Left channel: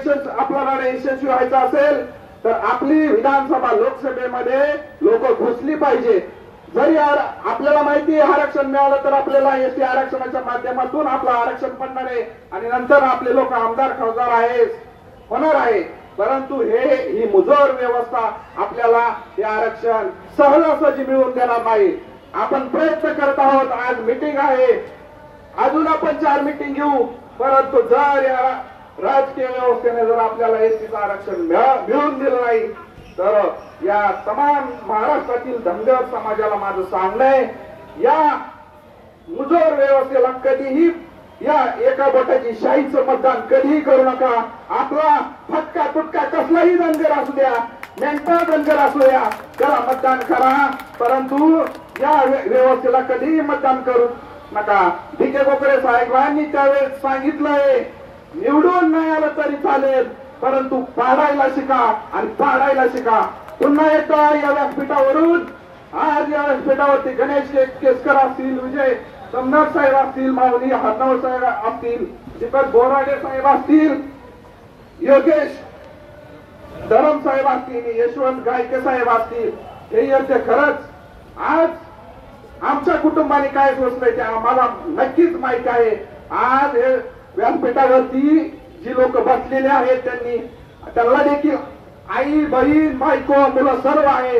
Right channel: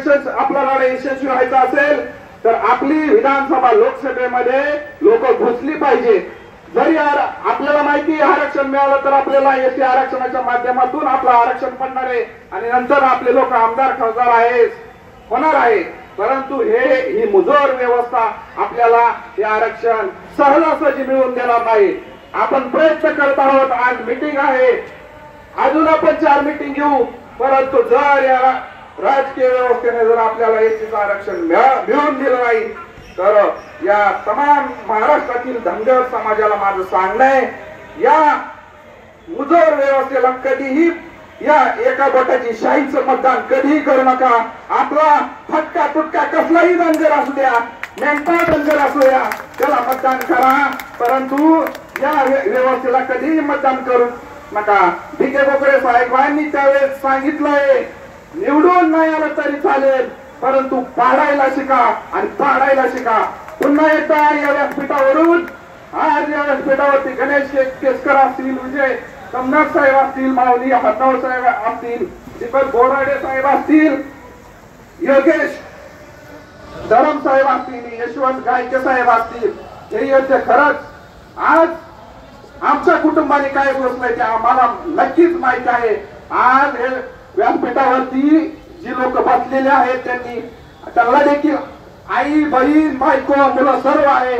आपला लढा यशस्वी व्हायचा असेल तर आपली विधानसभा लोकसभेमध्ये लोक घुसली पाहिजे। जरी आपल्याला माहिती आरक्षण मिळालं तर आपल्याला एसटी आरक्षणाच्या माध्यमातून आपलं आरक्षण पडणार आहे आणि नंतर आपले लोक आमदार खासदार होणार आहे, परंतु ही मुजोर व्यवस्था आपल्याला हे आरक्षण सहजासहजी मिळवून देणार नाही। आपण प्रयत्न करत आहोत, आज मीटिंग आहे, अजून आपण 4 मीटिंग घेऊ, परंतु जर या राजकीय व्यवस्थेने जर आपल्याला एसटीचं आरक्षण मिळवून दिलं नाही तर या तमाम महाराष्ट्रातील धनगर समाजाला माझं सांगणं आहे, या मुजोर व्यवस्थेला कधीही या एका गटाची शाहीचं मतदान कधीही करू नका। आपला फटका तुटका कसलाही धनगर असू द्या, नेमका धनगर असू द्या, त्याला मतदान करा, परंतु या व्यवस्थेला कधीही मतदान करू नका। भिके कोकरे साहेबांनी त्यावेळेस सांगितलंय, निवडून नाही आलं तरी चालेल, परंतु पाडायला शिका आणि पाडायला शिका। पुन्हा एकदा या व्यासपीठावरून आज या व्यासपीठावरती गणेश केसकर असतील, विजय समनाथ साहेब असतील, माऊली हरनाव साहेब असतील, दीपक बोराडे साहेब असतील, योगेश धरम साहेब असतील, यशवंत गायके साहेब असतील, हे यांचे खरंच आज आमच्या कुटुंबाने काय सोचलंय ते आम्हाला नक्कीच माहिती आहे। आज हे व्यासपीठावरती जी लोक बसलेले आहेत त्यांना देखील आई बहीण बायको मुलं सर्व आहे।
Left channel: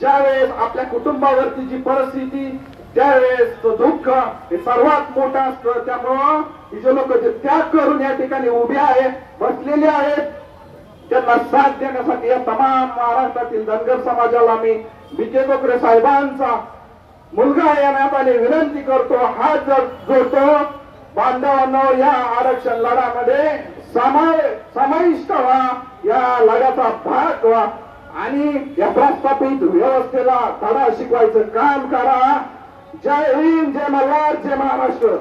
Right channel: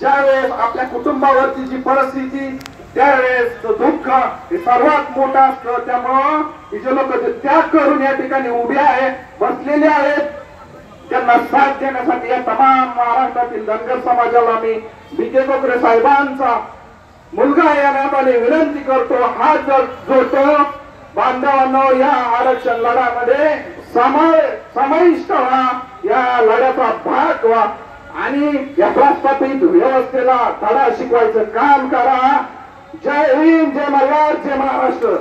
ज्यावेळेस आपल्या कुटुंबावरती जी परिस्थिती त्यावेळेस दुःख हे सर्वात मोठं असतं, त्यामुळं ही जे लोक त्याग करून या ठिकाणी उभे आहे बसलेले आहेत, त्यांना साथ देण्यासाठी या तमाम महाराष्ट्रातील धनगर समाजाला मी भिके कोकरे साहेबांचा मुलगा या नात्याने विनंती करतो, हात जोडतो, बांधवांनो या आरक्षण लढ्यामध्ये समाविष्ट व्हा, या लढ्याचा भाग व्हा आणि या प्रस्थापित व्यवस्थेला धडा शिकवायचं काम करा। जय हिंद, जय मल्हार, जय महाराष्ट्र।